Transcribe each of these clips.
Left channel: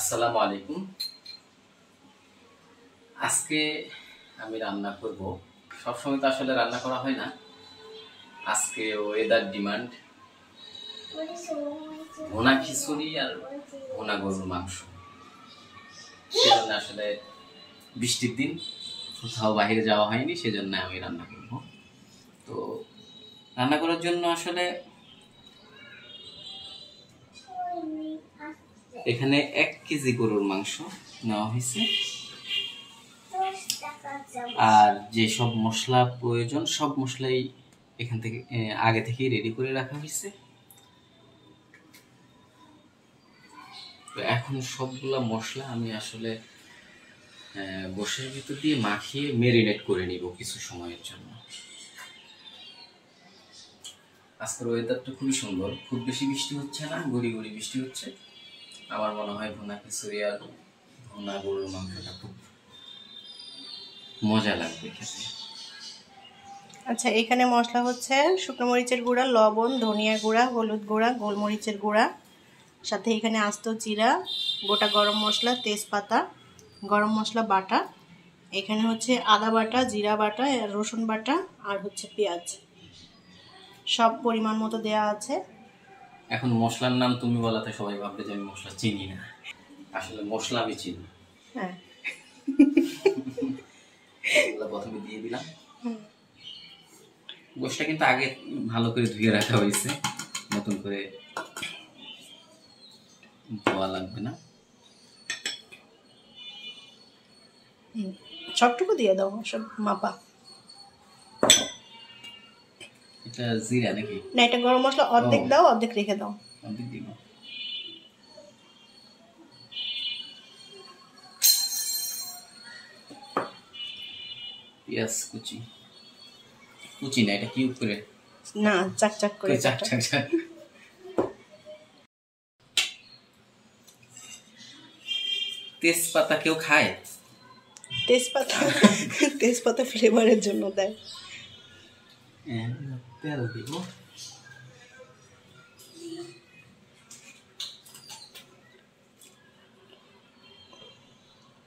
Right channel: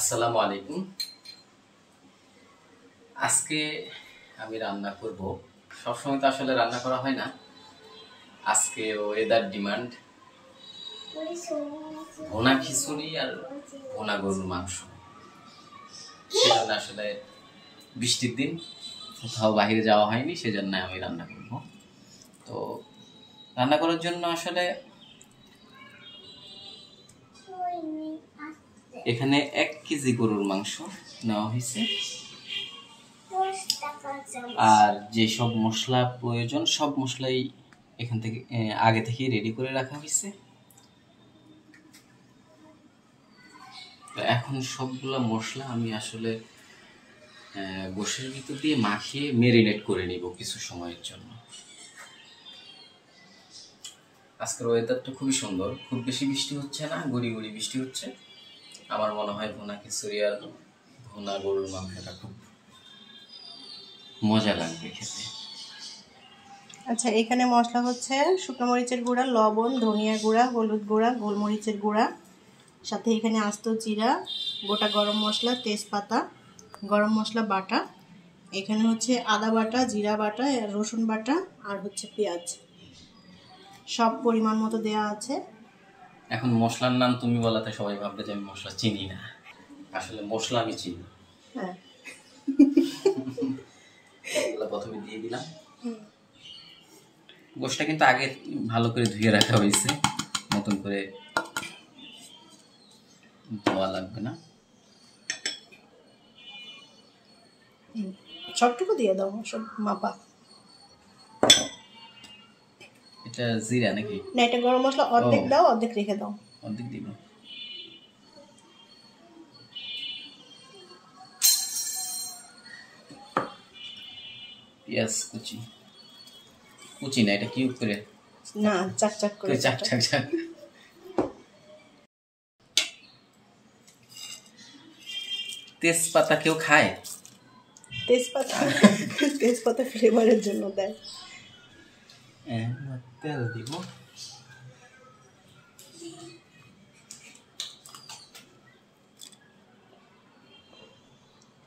আসসালামু আলাইকুম। আজকে আমি রান্না করব। সবসময় তো আসলে রান্না করা হয় না, আজকে ওয়েদার ডিমান্ড ভুনা খিচুড়ি আর ভুনা গরুর মাংস। সেজন্য আসলে বৃষ্টির দিন, কোথাও বাইরে যাওয়া হয়নি, সেজন্য আমি রান্না করব। তো রান্না করার জন্য আসলে এখানে 1 কেজি গরুর মাংস নেওয়া হয়েছে, আর যে সব মশলা প্রয়োজন সব মশলাই এখান থেকে আগে থেকেই রেডি করে রাখা হয়েছে। তো এখন সবগুলা মশলা আমি আসলে গোশের ভিতর দিয়ে মাখিয়ে মেরিনেট করে নিব কিছু সময়ের জন্য। আজকের ওয়েদারটা খুবই সুন্দর, খুব বেশি বৃষ্টি হচ্ছে না, গুড়ি গুড়ি বৃষ্টি হচ্ছে। আমার মনে হয় ভুনা খিচুড়ি আর ভুনা গরুর মাংসটা খুব মজা লাগবে খেতে। আচ্ছা, এখানে মশলা হচ্ছে শুকনো মরিচের গুঁড়া, লবণ, ধনিয়া গুঁড়া, হলুদ গুঁড়া, গোলমরিচের গুঁড়া, সাথে এখানে আস্ত জিরা, গোটা গরম মশলা, তেজপাতা, গরম মশলা বাটা, এখানে হচ্ছে আদা বাটা, জিরা বাটা, রসুন বাটা, আর হচ্ছে পেঁয়াজ, সব পরিমাণ মতো দেয়া আছে। এখন মশলার নাম তুমি বলাতে সবাই ভাববে যে আমি মশলা চিনি না, আসলে মশলা আমি চিনি। হ্যাঁ, প্রথমে দিয়ে দিলাম। গোশটা কিন্তু আগে ভালো করে ধুয়ে রাখা হয়েছে, নতুন করে ধোয়া লাগবে না। সবটুকু দিয়ে দাও, সব মাপা। এটা জিরা নাকি? না, এটা গরম মশলা অর্ধেক দাও, অর্ধেক রেখে দাও। অর্ধেক দিব। পেঁয়াজ কুচি, কুচি না, এটা কিউব করে, না চাক চাক করে, চাক চাক চাক। তেজপাতা কেউ খায়? তেজপাতা তেজপাতা ফ্লেভারের জন্য দেয়। তেল দিব।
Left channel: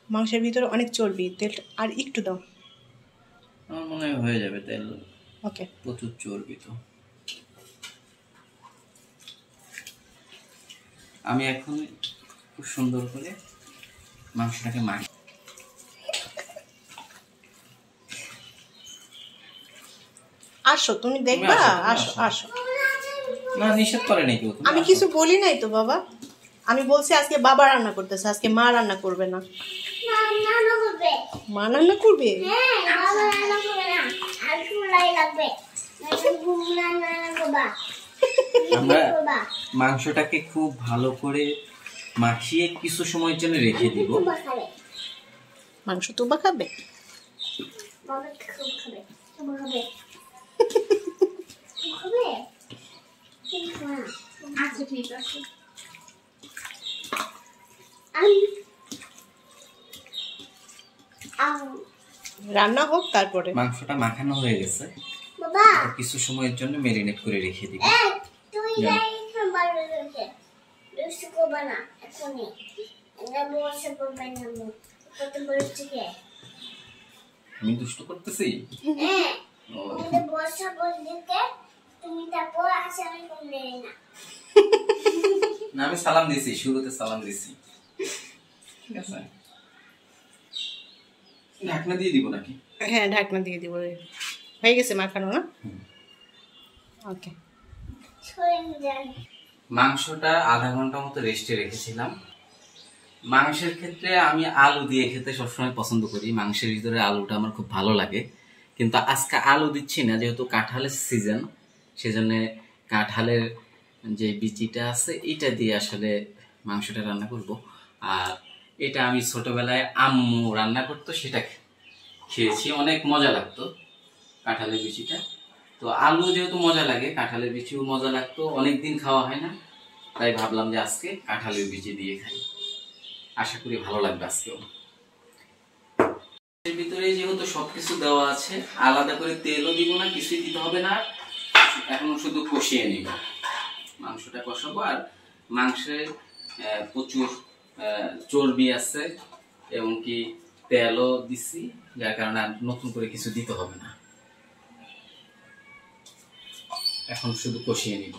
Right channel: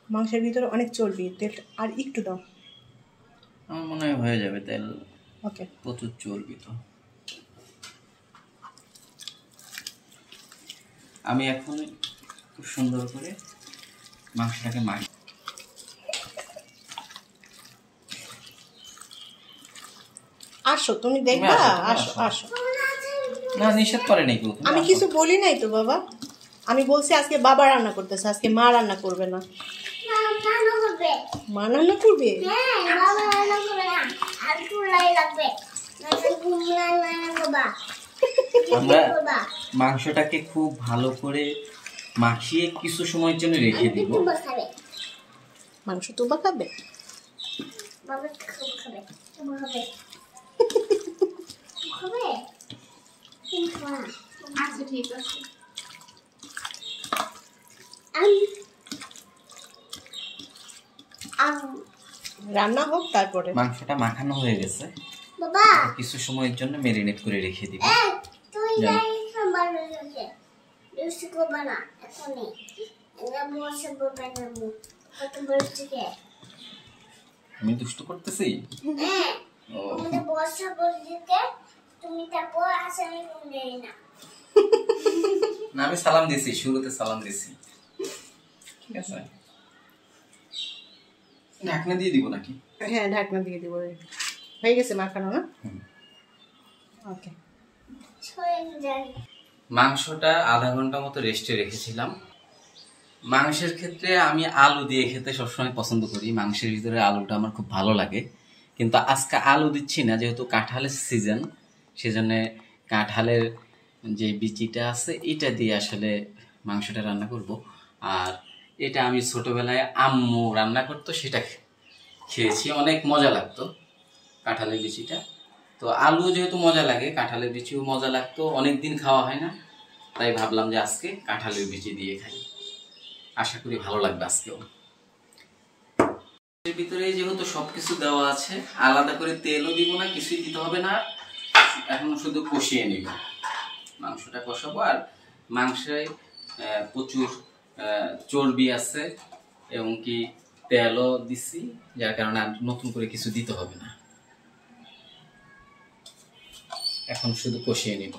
মাংসের ভিতরে অনেক চর্বি, তেল আর একটু দাও। আমার মনে হয় হয়ে যাবে তেল। ওকে, প্রচুর চর্বি তো। আমি এখন খুব সুন্দর করে মাংসটাকে মাখি। আসো, তুমি দেখবা, আসো আসো। না, নিষেধ করে নাকি? আমি কিছু বলি নাই তো বাবা, আমি বলছি আজকে বাবা রান্না করতেছে, আজকে মা রান্না করবে না। মা রান্না করবে? আমরা মাংসটাকে খুব ভালো করে মাখিয়ে কিছু সময়ের জন্য রেখে দিব। মাংস তুবা খাবে? আচ্ছা ঠিক আছে। রান্না হোক, তারপরে মাংসটা মাখানো হয়ে গেছে, কিছু সময়ের জন্য মেরিনেট করে রেখে দিব। আমি দুষ্ট করতেছি? না, আমি সালাম দিয়েছি, শুরুতে সালাম দিয়েছি। ঠিক আছে, ঢাকনা দিয়ে দিব নাকি? হ্যাঁ, ঢাকনা দিয়ে দিব। হয়ে গেছে মাখানো না? ওকে। মাংসটা আধা ঘন্টা মতো রেস্টে রেখেছিলাম। মাংসের ক্ষেত্রে আমি আলু দিয়ে খেতে সবসময় পছন্দ করি, মাংসের ভিতরে আলুটা আমার খুব ভালো লাগে। কিন্তু আজকে আলু দিচ্ছি না, যেহেতু কাঁঠালের সিজন, সেজন্য কাঁঠালের যে বিচিটা আছে এটা দিয়ে আসলে মাংসটা রান্না করব। আর এটা আমি ছোটবেলায় আম্মু রান্না করতো, সেটা খেয়েছি, অনেক মজা লাগতো কাঁঠালের বিচিটা। তো আলু যেহেতু মজা লাগে, কাঁঠালের বিচিও মজা লাগতো, অনেকদিন খাওয়া হয় না, তাই ভাবলাম যে আজকে কাঁঠালের বিচি দিয়ে খাই। আশা করি ভালো লাগবে আজকেও। এর ভিতরে যেহেতু সবকিছু দেওয়া আছে, আলাদা করে তেলও দিব না, কিছুই দিতে হবে না। এখন শুধু কষিয়ে নিব, মাংসটা কষাবো। আর মাংসে প্রচুর চর্বি আছে এবং কি তেলও দিছি, যার কারণে আর নতুন করে কিছু দিতে হবে না। এখন শুধু কষিয়ে নিব।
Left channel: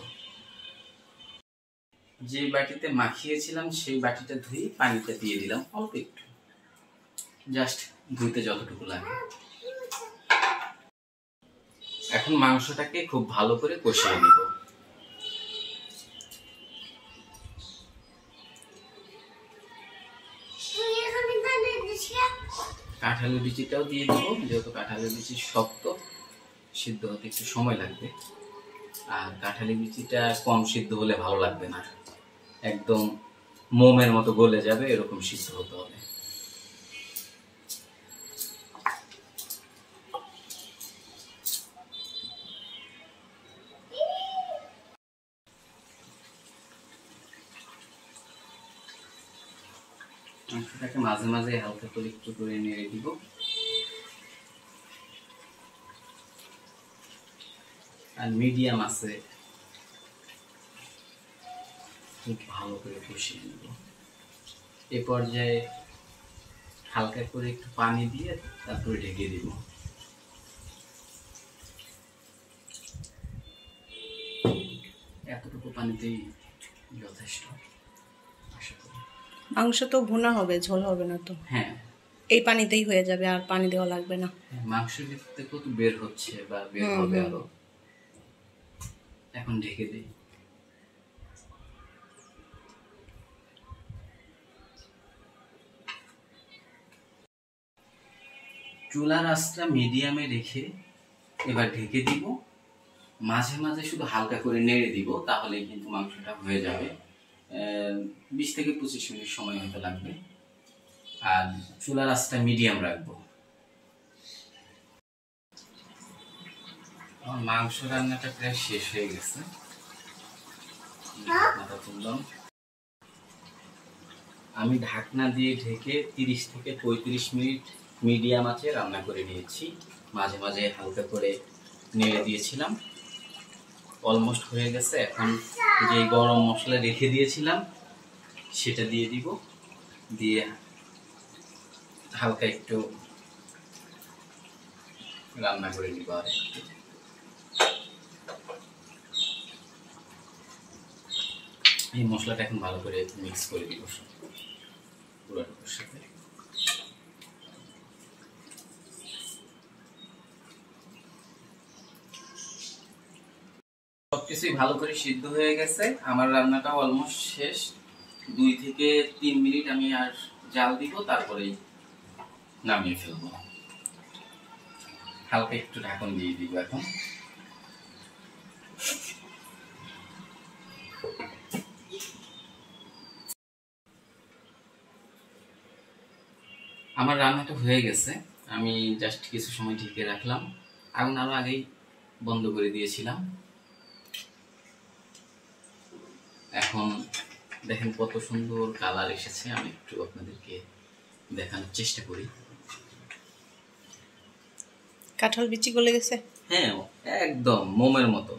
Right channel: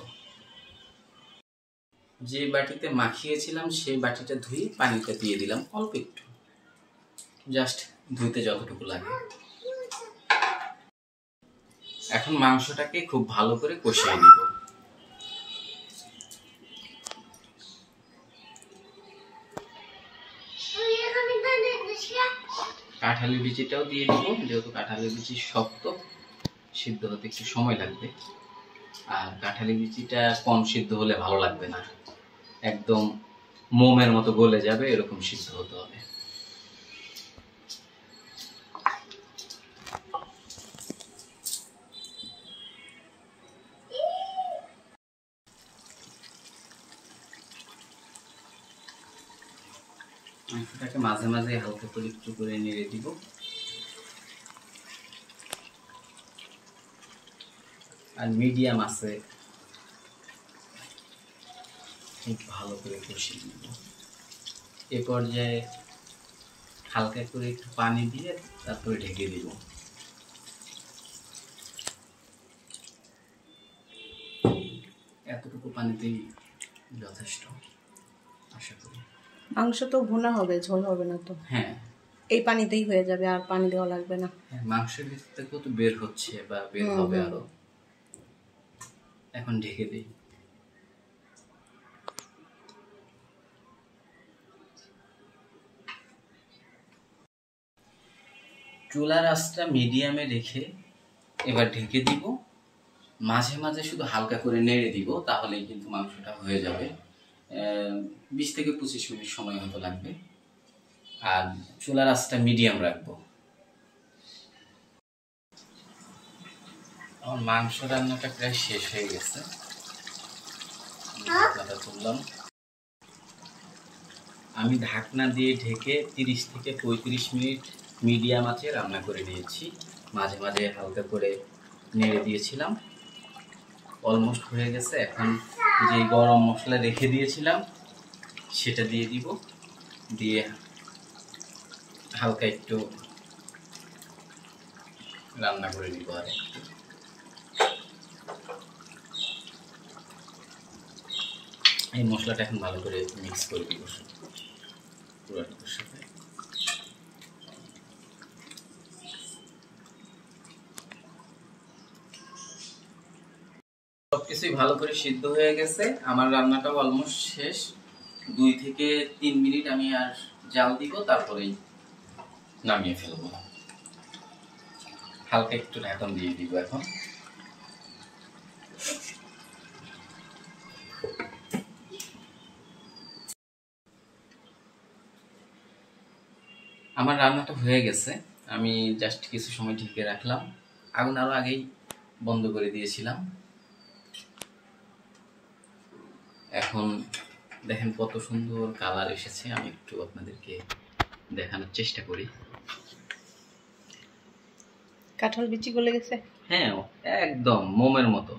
যে বাটিতে মাখিয়েছিলাম সেই বাটিটা ধুয়ে পানিটা দিয়ে দিলাম অল্প একটু, জাস্ট ধুইতে যতটুকু লাগে। এখন মাংসটাকে খুব ভালো করে কষিয়ে নিব। কাঁঠালের বিচিটাও দিয়ে দিব, যেহেতু কাঁঠালের বিচি শক্ত, সিদ্ধ হতে একটু সময় লাগবে। আর কাঁঠালের বিচিটা কম সিদ্ধ হলে ভালো লাগবে না, একদম মোমের মতো গলে যাবে, এরকম সিদ্ধ হতে হবে। মাংসটাকে মাঝে মাঝে হালকা করে একটু করে নেড়ে দিব। আর মিডিয়াম আছে খুব ভালো করে কষিয়ে নিব। এ পর্যায়ে হালকা করে একটু পানি দিয়ে তারপরে ঢেকে দিব। এতটুকু পানিতেই যথেষ্ট আশা করি। মাংস তো ভুনা হবে, ঝোল হবে না তো? হ্যাঁ, এই পানিতেই হয়ে যাবে, আর পানি দেওয়া লাগবে না। মাংসের ভিতর থেকেও তো বের হচ্ছে বা বের হবে আরো। এখন ঢেকে দিই। চুলার আঁচটা মিডিয়ামে রেখে এবার ঢেকে দিব। মাঝে মাঝে শুধু হালকা করে নেড়ে দিব, তাহলেই কিন্তু মাংসটা হয়ে যাবে। 20 থেকে 25 মিনিট সময় হয়তো লাগবে। আর চুলার আঁচটা মিডিয়াম রাখবো। আমার মাংস রান্নাটা প্রায় শেষ হয়ে গেছে। ঢাকনাটা তুললাম। আমি ঢাকনা দিয়ে ঢেকে 30 থেকে 35 মিনিট মিডিয়াম আঁচে রান্না করে নিয়েছি। মাঝে মাঝে হালকা করে নেড়ে দিয়েছিলাম। অলমোস্ট হয়ে গেছে। এখন যে গরম মশলা রেখে দিয়েছিলাম সেটা দিয়ে দিব, দিয়ে হালকা একটু রান্না করে নিব। আর একটু এই মশলাটা এখন ভালো করে মিক্স করে দিব পুরোটার সাথে। সবকিছুই ভালো করে সিদ্ধ হয়ে গেছে। আমার রান্নাটাও অলমোস্ট শেষ। 2 থেকে 3 মিনিট আমি আর জাল দিব, তারপরেই নামিয়ে ফেলবো। হালকা একটু ঢাকন দিয়ে দিব এখন। আমার রান্নাটা হয়ে গেছে। আমি জাস্ট কিছু সময় ঢেকে রাখলাম। আগুন আরো আগেই বন্ধ করে দিয়েছিলাম। এখন দেখেন কত সুন্দর কালার এসেছে। আমি একটু আপনাদেরকে দেখানোর চেষ্টা করি। কাঁঠাল বিচি গলে গেছে। হ্যাঁ, একদম মোমের মতো।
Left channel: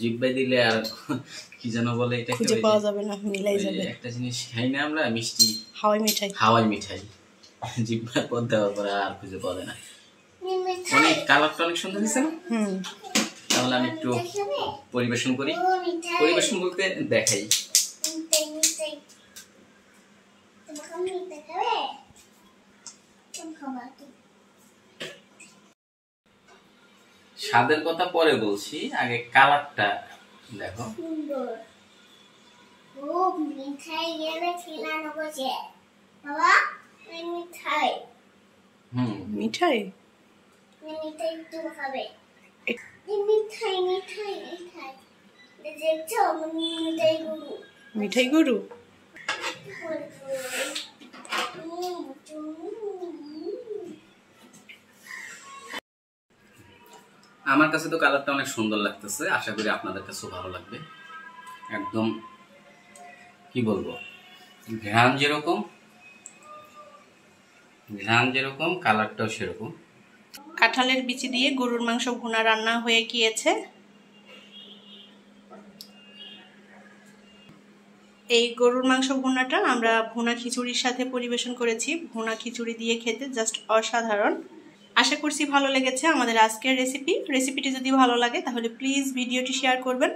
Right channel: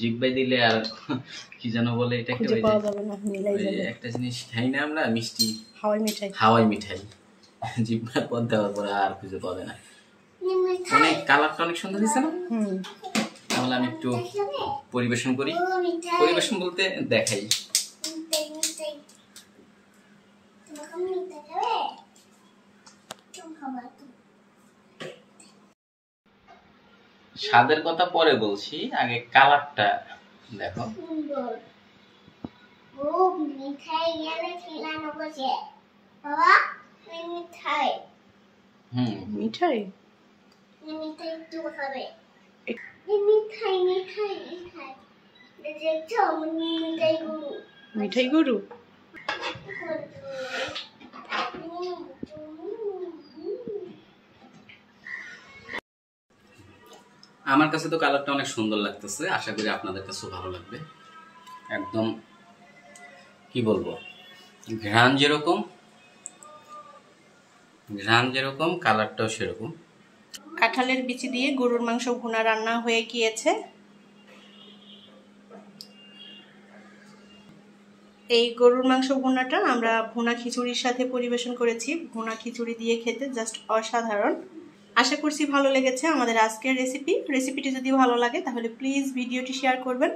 জিহ্বায় দিলে আর কি যেন বলে, এটা খুঁজে পাওয়া যাবে না, মিলাই যাবে। একটা জিনিস খাই না আমরা, মিষ্টি হাওয়াই মিঠাই। হাওয়াই মিঠাই জিহ্বায় পদ দেওয়ার পরে আর খুঁজে পাওয়া যায় না। অনেক কালারটা অনেক সুন্দর হয়েছে না? তাহলে আমি একটু পরিবেশন করি। পরিবেশন বলতে দেখাই। স্বাদের কথা পরে বলছি, আগে কালারটা দেখো। মিঠাই গেলে খেলানো বসে বাবা, মিঠাই। মিঠাই মিঠাই একটু খাবে। মিঠাই মিঠাই মিঠাই দেখছো, মিঠাই গুরু। মিঠাই গুরু। আমার কাছে তো কালারটা অনেক সুন্দর লাগতেছে, আশা করি আপনাদের কাছেও ভালো লাগবে। একদম কি বলবো, ঘ্রাণ যেরকম কালারটাও সেরকম। কাঁঠালের বিচি দিয়ে গরুর মাংস ভুনা রান্না হয়ে গিয়েছে। এই গরুর মাংস ভুনাটা আমরা ভুনা খিচুড়ির সাথে পরিবেশন করেছি। ভুনা খিচুড়ি দিয়ে খেতে জাস্ট অসাধারণ। আশা করছি ভালো লেগেছে আমাদের আজকের রেসিপিটি যদি ভালো লাগে তাহলে প্লিজ ভিডিওটি শেয়ার করবেন।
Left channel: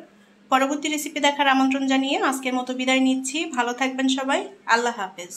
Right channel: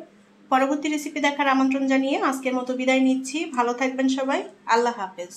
পরবর্তী রেসিপি দেখার আমন্ত্রণ জানিয়ে আজকের মতো বিদায় নিচ্ছি। ভালো থাকবেন সবাই। আল্লাহ হাফেজ।